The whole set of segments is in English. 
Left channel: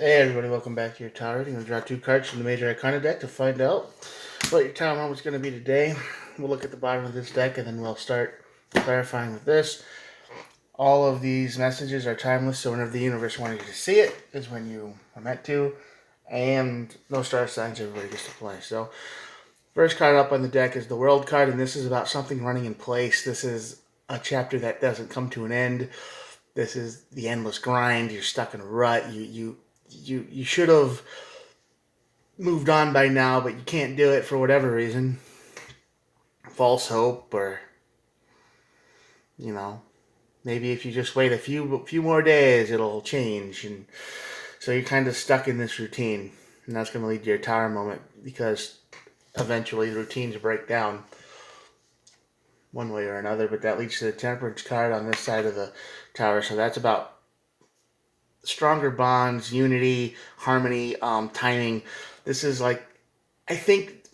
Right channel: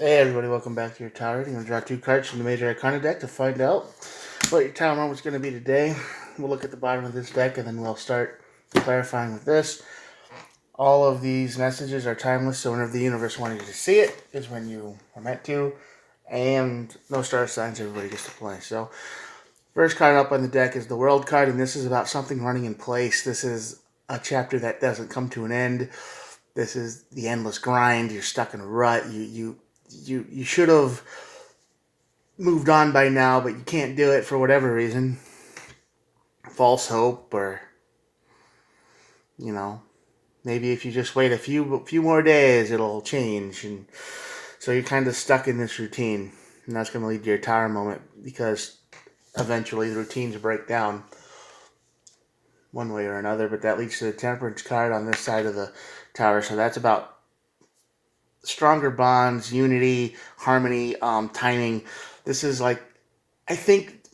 Hey everybody, welcome back to your tower reading. I'm going to draw 2 cards from the Major Arcana deck to find out what your tower moment's going to be today. We'll look at the bottom of this deck and then we'll start clarifying with this. All of these messages are timeless, so whenever the universe wanted you to see it is when you are meant to. And no star signs, everybody gets to play. So, first card up on the deck is the World card, and this is about something running in place. This is a chapter that doesn't come to an end. This is the endless grind. You're stuck in a rut. You should have moved on by now, but you can't do it for whatever reason. False hope, or maybe if you just wait a few more days, it'll change, and so you're kind of stuck in this routine, and that's going to lead to your tower moment because eventually the routines break down one way or another. But that leads to the Temperance card on this side of the tower, so that's about stronger bonds, unity, harmony, timing. This is like, I think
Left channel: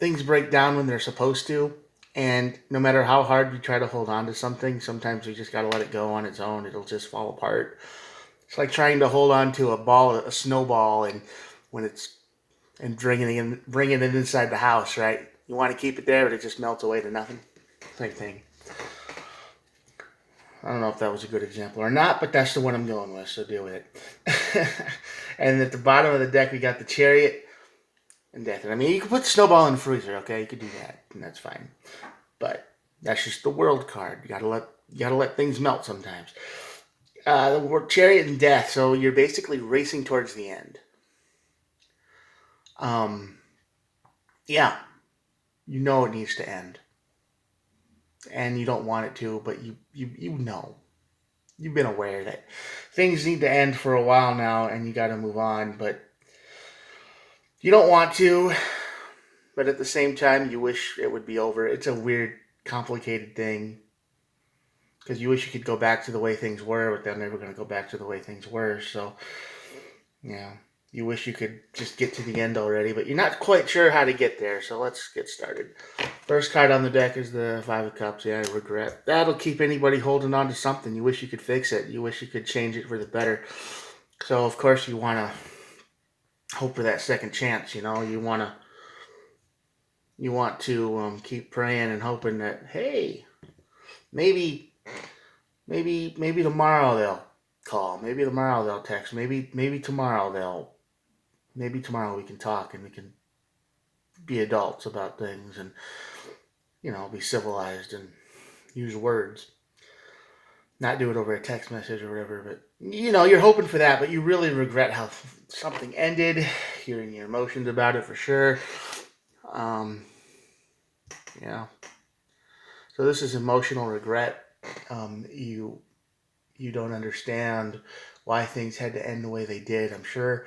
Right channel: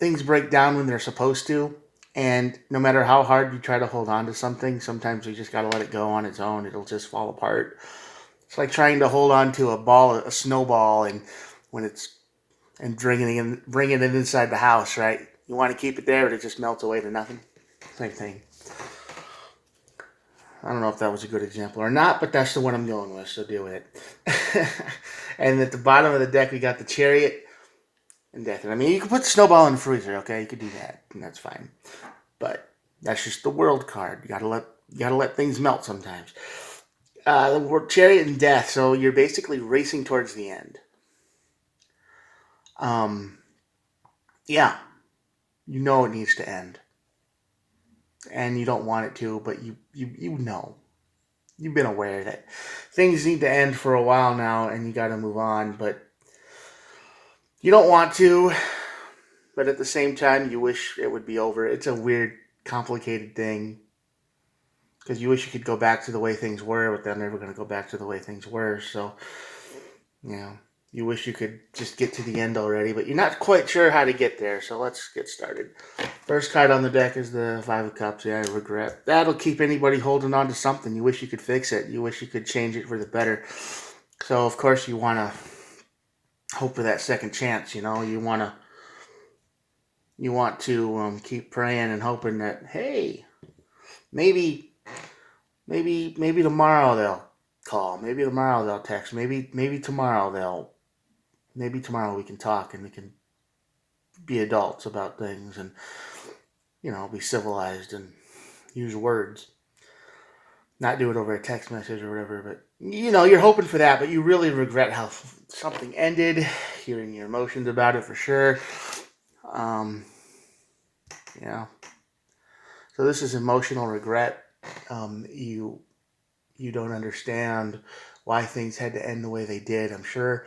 things break down when they're supposed to, and no matter how hard you try to hold on to something, sometimes you just got to let it go on its own. It'll just fall apart. It's like trying to hold on to a snowball, and when it's and bringing it inside the house, right? You want to keep it there, but it just melts away to nothing. Same thing. I don't know if that was a good example or not, but that's the one I'm going with, so deal with it. And at the bottom of the deck, we got the Chariot and Death. I mean, you can put the Snowball in the freezer, okay? You could do that, and that's fine. But that's just the World card. You gotta let things melt sometimes. The word Chariot and Death. So you're basically racing towards the end. Yeah, you know it needs to end, and you don't want it to, but you know. You've been aware that things need to end for a while now, and you got to move on, but you don't want to. But at the same time, you wish it would be over. It's a weird, complicated thing because you wish you could go back to the way things were, but they're never going to go back to the way things were. So, you wish you could just get to the end already, but you're not quite sure how to get there. So let's get started. First card on the deck is the Five of Cups. Yeah, regret. That'll keep anybody holding on to something. You wish you could fix it. You wish you could change it for the better. So of course you want to hope for that second chance. You want to keep praying and hoping that, hey, maybe tomorrow they'll call. Maybe tomorrow they'll text. Maybe tomorrow we can talk and we can be adults about things and be civilized and use words. Not do it over a text message or whatever, but you're hoping for that, but you really regret how something ended. You're in your emotions about it for sure. Yeah. So this is emotional regret. You don't understand why things had to end the way they did. I'm sure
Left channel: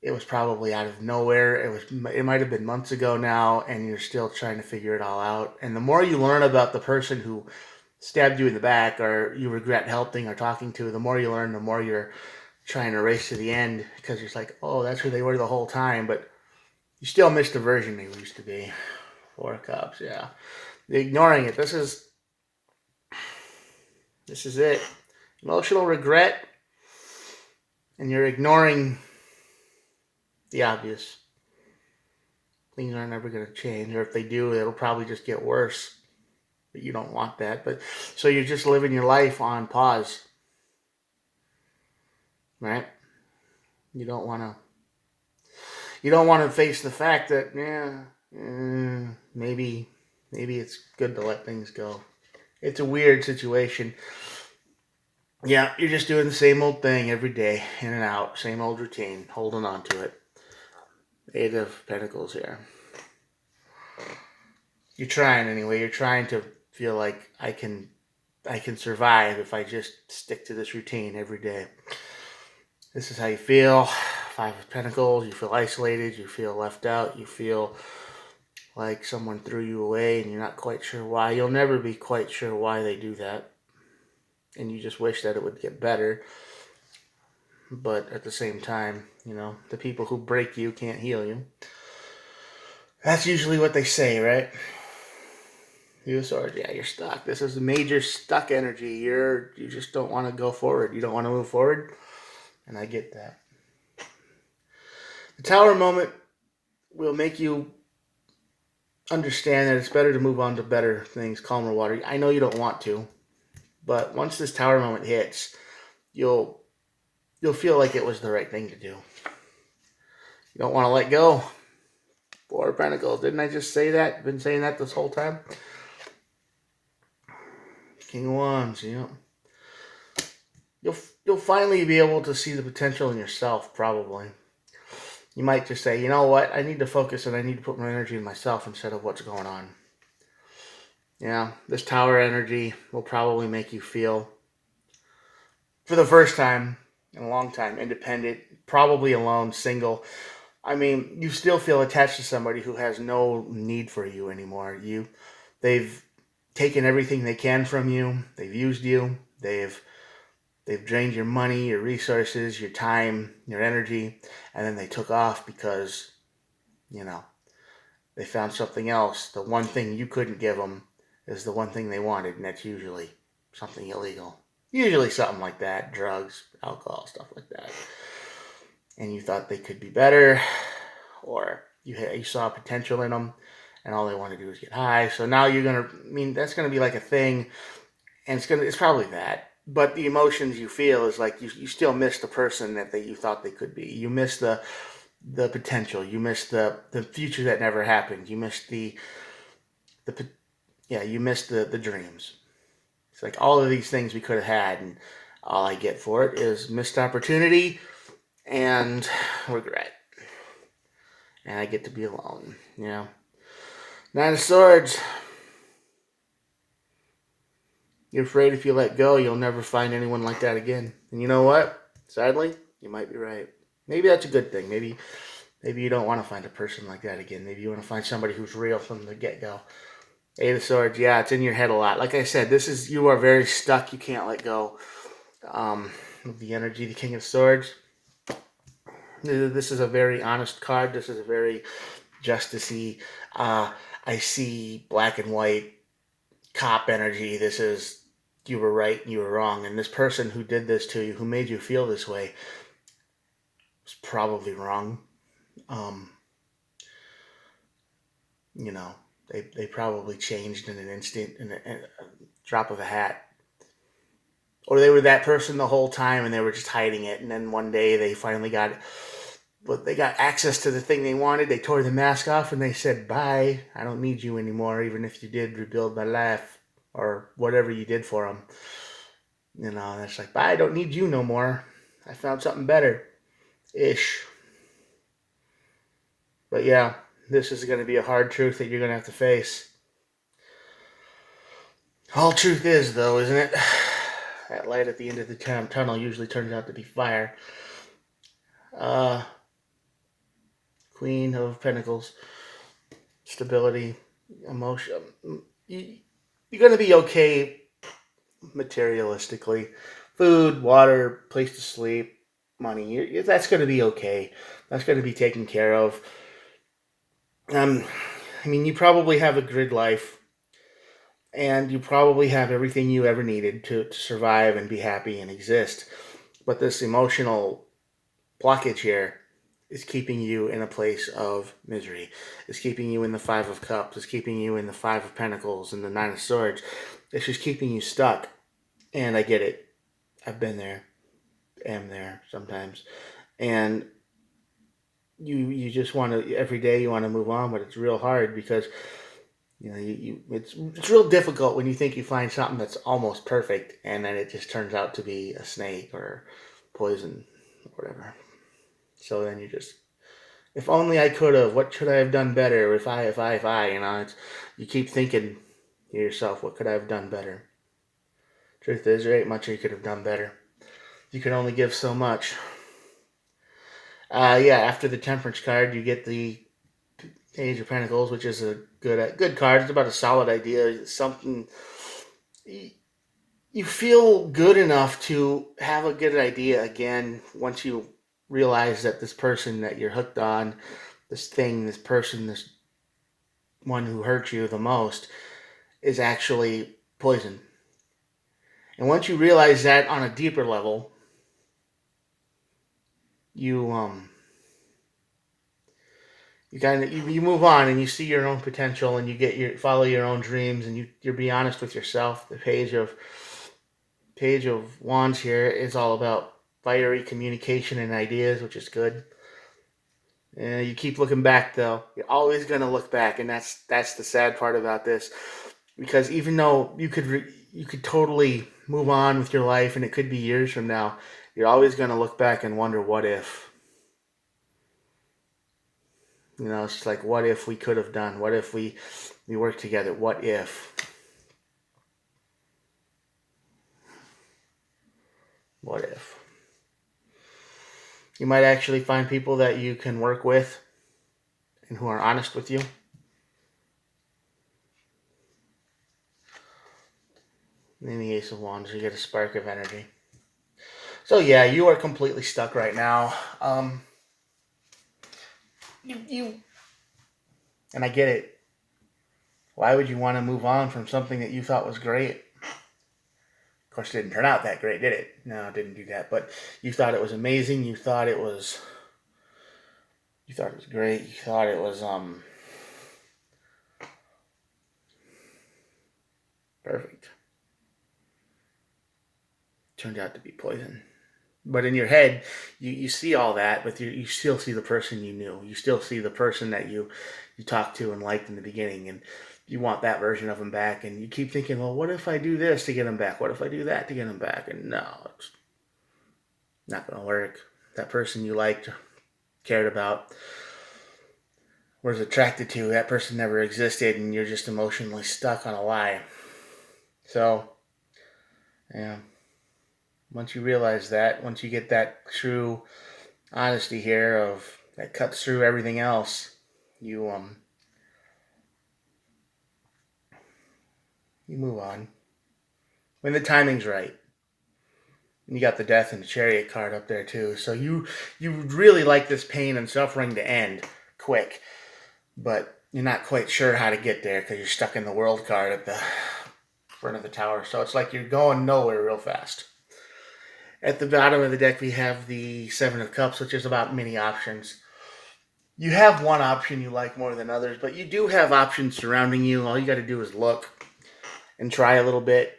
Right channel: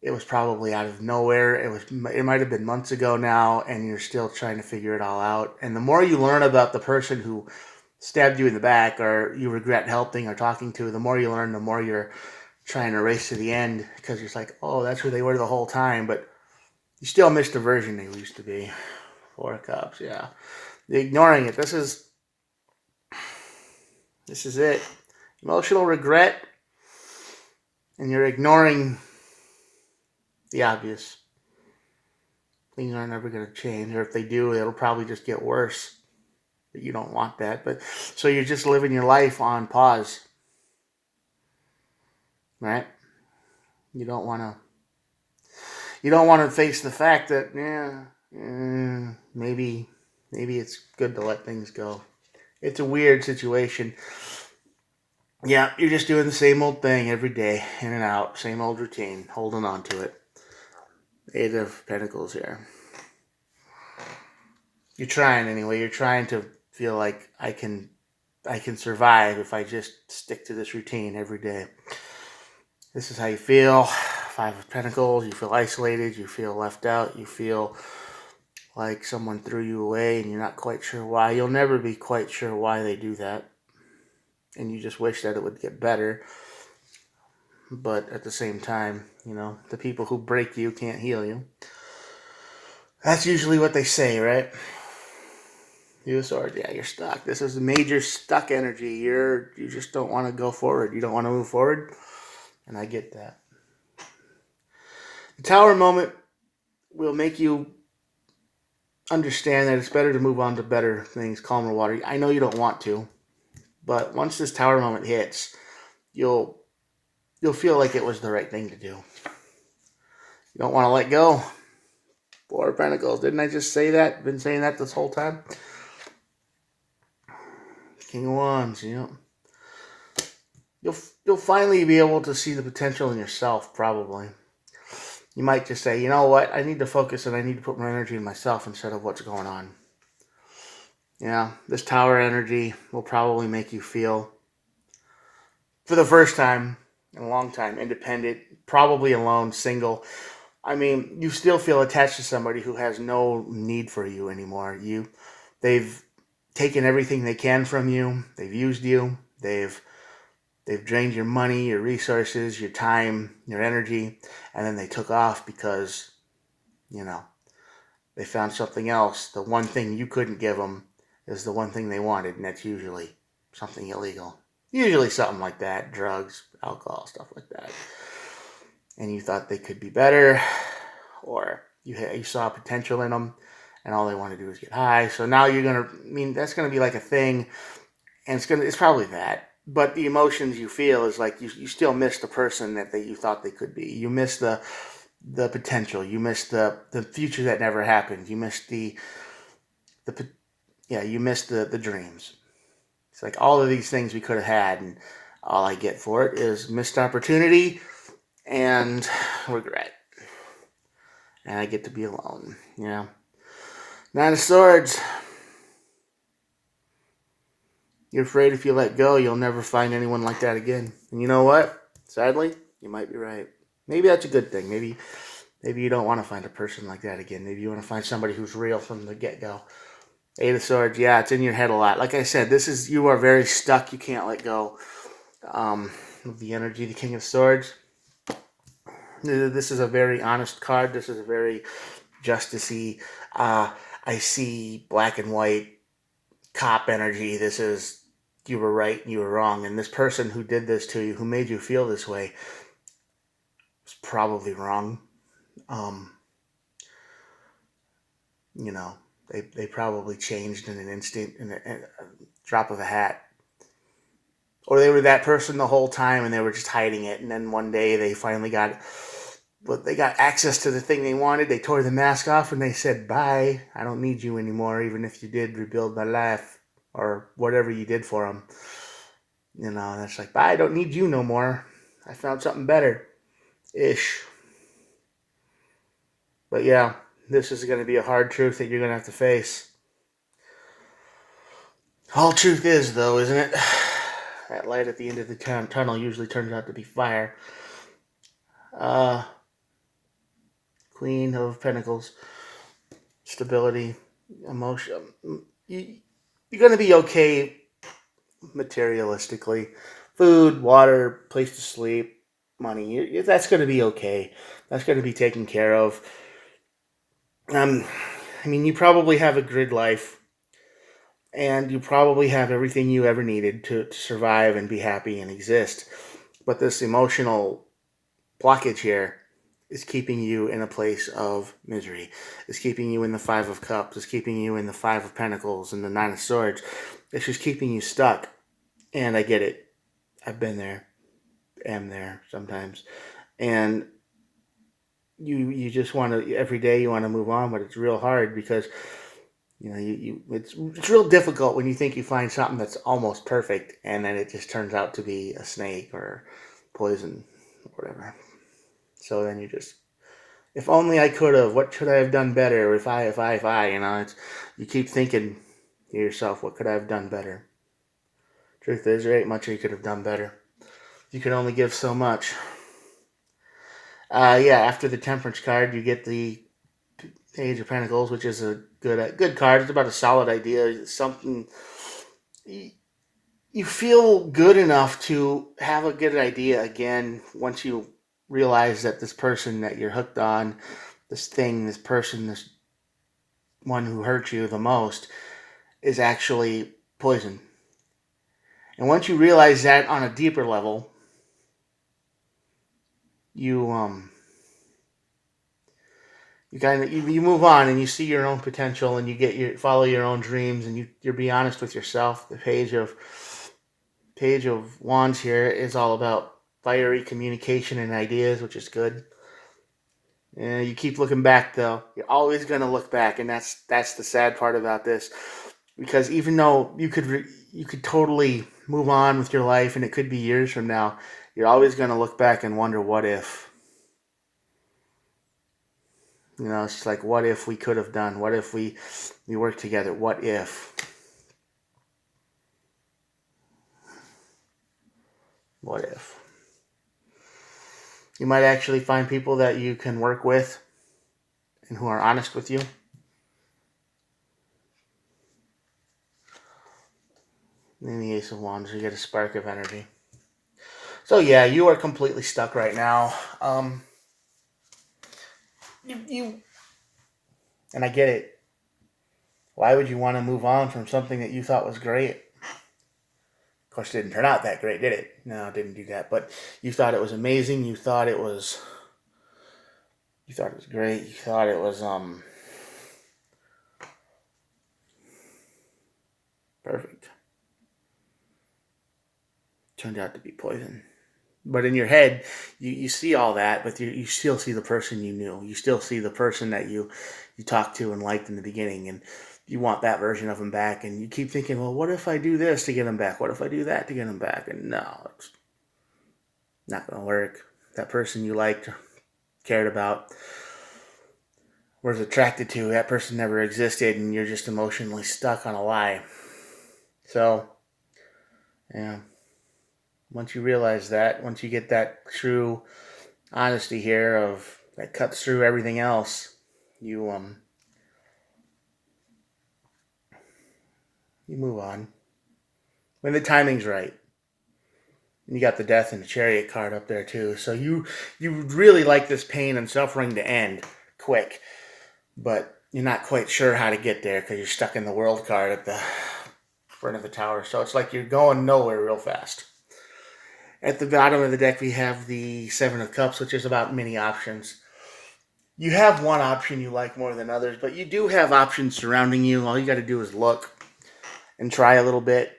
it was probably out of nowhere. It might have been months ago now, and you're still trying to figure it all out. And the more you learn about the person who stabbed you in the back or you regret helping or talking to, the more you learn, the more you're trying to race to the end because it's like, oh, that's who they were the whole time, but you still missed the version they used to be. 4 Cups, yeah. Ignoring it. This is it. Emotional regret, and you're ignoring the obvious. Things are never going to change, or if they do, it'll probably just get worse. But you don't want that. But so you're just living your life on pause, right? You don't want to. You don't want to face the fact that maybe it's good to let things go. It's a weird situation. Yeah, you're just doing the same old thing every day, in and out, same old routine, holding on to it. 8 of Pentacles here. You're trying anyway. You're trying to feel like I can survive if I just stick to this routine every day. This is how you feel. 5 of Pentacles. You feel isolated. You feel left out. You feel like someone threw you away and you're not quite sure why. You'll never be quite sure why they do that. And you just wish that it would get better. But at the same time, the people who break you can't heal you. That's usually what they say, right? You Swords, yeah, you're stuck. This is a major stuck energy. You just don't want to go forward. You don't want to move forward. And I get that. The tower moment will make you understand that it's better to move on to better things, calmer water. I know you don't want to, but once this tower moment hits, you'll feel like it was the right thing to do. You don't want to let go. Four of Pentacles. Didn't I just say that? Been saying that this whole time? King of Wands, you know. You'll finally be able to see the potential in yourself, probably. You might just say, you know what, I need to focus and I need to put my energy in myself instead of what's going on. Yeah, this tower energy will probably make you feel, for the first time in a long time, independent, probably alone, single. I mean, you still feel attached to somebody who has no need for you anymore. They've taken everything they can from you. They've used you. They've drained your money, your resources, your time, your energy, and then they took off because, you know, they found something else. The one thing you couldn't give them is the one thing they wanted, and that's usually something illegal. Usually something like that, drugs, alcohol, stuff like that. And you thought they could be better, or you saw potential in them, and all they want to do is get high. So now that's gonna be like a thing, and it's probably that. But the emotions you feel is like you still miss the person that you thought they could be. You miss the potential. You miss the future that never happened. You miss you miss the dreams. It's like all of these things we could have had, and all I get for it is missed opportunity and regret. And I get to be alone. Yeah. Nine of Swords. You're afraid if you let go, you'll never find anyone like that again. And you know what? Sadly, you might be right. Maybe that's a good thing. Maybe you don't want to find a person like that again. Maybe you want to find somebody who's real from the get-go. Eight of Swords, yeah, it's in your head a lot. Like I said, you are very stuck. You can't let go of the energy. The King of Swords. This is a very honest card. This is a very justicey. I see black and white cop energy. This is, you were right and you were wrong. And this person who did this to you, who made you feel this way, was probably wrong. You know, they probably changed in an instant, in a drop of a hat. Or they were that person the whole time and they were just hiding it. And then one day they finally got access to the thing they wanted. They tore the mask off and they said, bye, I don't need you anymore, even if you did rebuild my life or whatever you did for them. You know, and it's like, bye, I don't need you no more. I found something better. Ish. But yeah, this is going to be a hard truth that you're going to have to face. All truth is, though, isn't it? That light at the end of the tunnel usually turns out to be fire. Queen of Pentacles. Stability. Emotion. You're going to be okay materialistically. Food, water, place to sleep, money. That's going to be okay. That's going to be taken care of. I mean, you probably have a good life. And you probably have everything you ever needed to survive and be happy and exist. But this emotional blockage here is keeping you in a place of misery. It's keeping you in the Five of Cups. It's keeping you in the Five of Pentacles and the Nine of Swords. It's just keeping you stuck. And I get it. I've been there. Am there sometimes. And you just want to, every day you want to move on, but it's real hard because you know, it's real difficult when you think you find something that's almost perfect and then it just turns out to be a snake or poison or whatever. So then you just, if only I could have, what should I have done better? If I, you know, you keep thinking to yourself, what could I have done better? Truth is, there ain't much you could have done better. You can only give so much. After the Temperance card, you get the Page of Pentacles, which is a good card. It's about a solid idea. It's something you feel good enough to have a good idea again once you realize that this person that you're hooked on, this person, this one who hurt you the most, is actually poison. And once you realize that on a deeper level, you You move on and you see your own potential and follow your own dreams and you be honest with yourself. The page of wands here is all about fiery communication and ideas, which is good. And you keep looking back though. You're always gonna look back, and that's the sad part about this, because even though you could totally move on with your life, and it could be years from now, you're always gonna look back and wonder what if. It's just like, what if we could have done? What if we worked together? What if? What if? You might actually find people that you can work with and who are honest with you. In the Ace of Wands, you get a spark of energy. So yeah, you are completely stuck right now. You and I get it. Why would you want to move on from something that you thought was great? Of course, it didn't turn out that great, did it? No, it didn't do that. But you thought it was amazing. You thought it was great. You thought it was perfect. Turned out to be poison. But in your head, you see all that, but you still see the person you knew. You still see the person that you talked to and liked in the beginning, and you want that version of him back. And you keep thinking, well, what if I do this to get him back? What if I do that to get him back? And no, it's not going to work. That person you liked, cared about, was attracted to, that person never existed, and you're just emotionally stuck on a lie. So, yeah. Once you realize that, once you get that true honesty here of that cuts through everything else, you move on when the timing's right. And you got the Death and the Chariot card up there too, so you really like this pain and suffering to end quick, but you're not quite sure how to get there because you're stuck in the World card at the front of the tower. So it's like you're going nowhere real fast. At the bottom of the deck, we have the Seven of Cups, which is about many options. You have one option you like more than others, but you do have options surrounding you. All you got to do is look and try a little bit,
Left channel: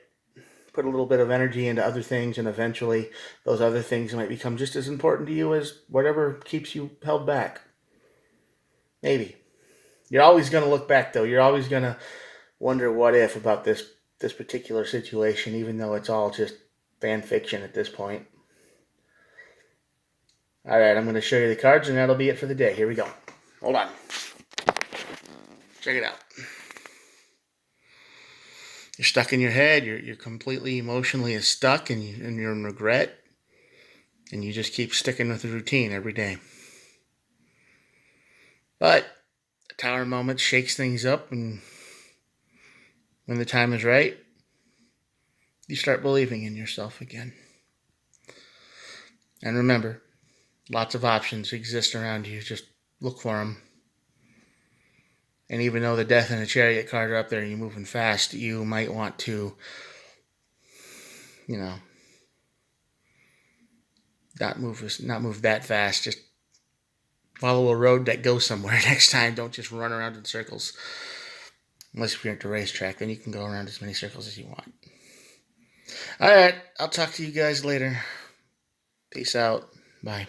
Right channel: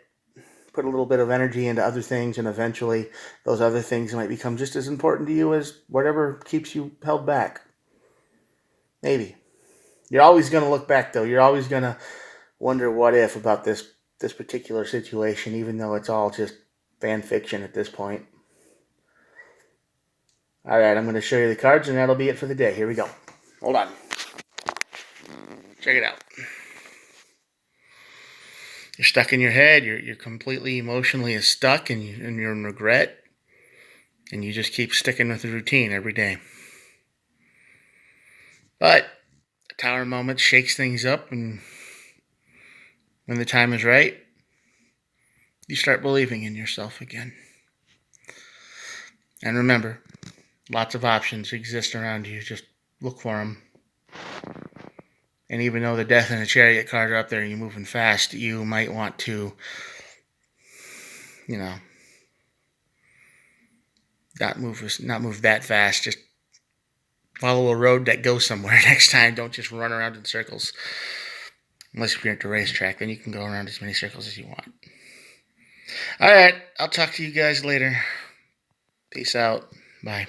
put a little bit of energy into other things, and eventually those other things might become just as important to you as whatever keeps you held back. Maybe. You're always going to look back, though. You're always going to wonder what if about this particular situation, even though it's all just fan fiction at this point. All right, I'm going to show you the cards, and that'll be it for the day. Here we go. Hold on. Check it out. You're stuck in your head. You're completely emotionally stuck, and you're in regret, and you just keep sticking with the routine every day. But the Tower moment shakes things up, and when the time is right, you start believing in yourself again. And remember, lots of options exist around you. Just look for them. And even though the Death and the Chariot card are up there and you're moving fast, you might want to, not move that fast. Just follow a road that goes somewhere next time. Don't just run around in circles. Unless you're at the racetrack, then you can go around as many circles as you want. All right, I'll talk to you guys later. Peace out. Bye.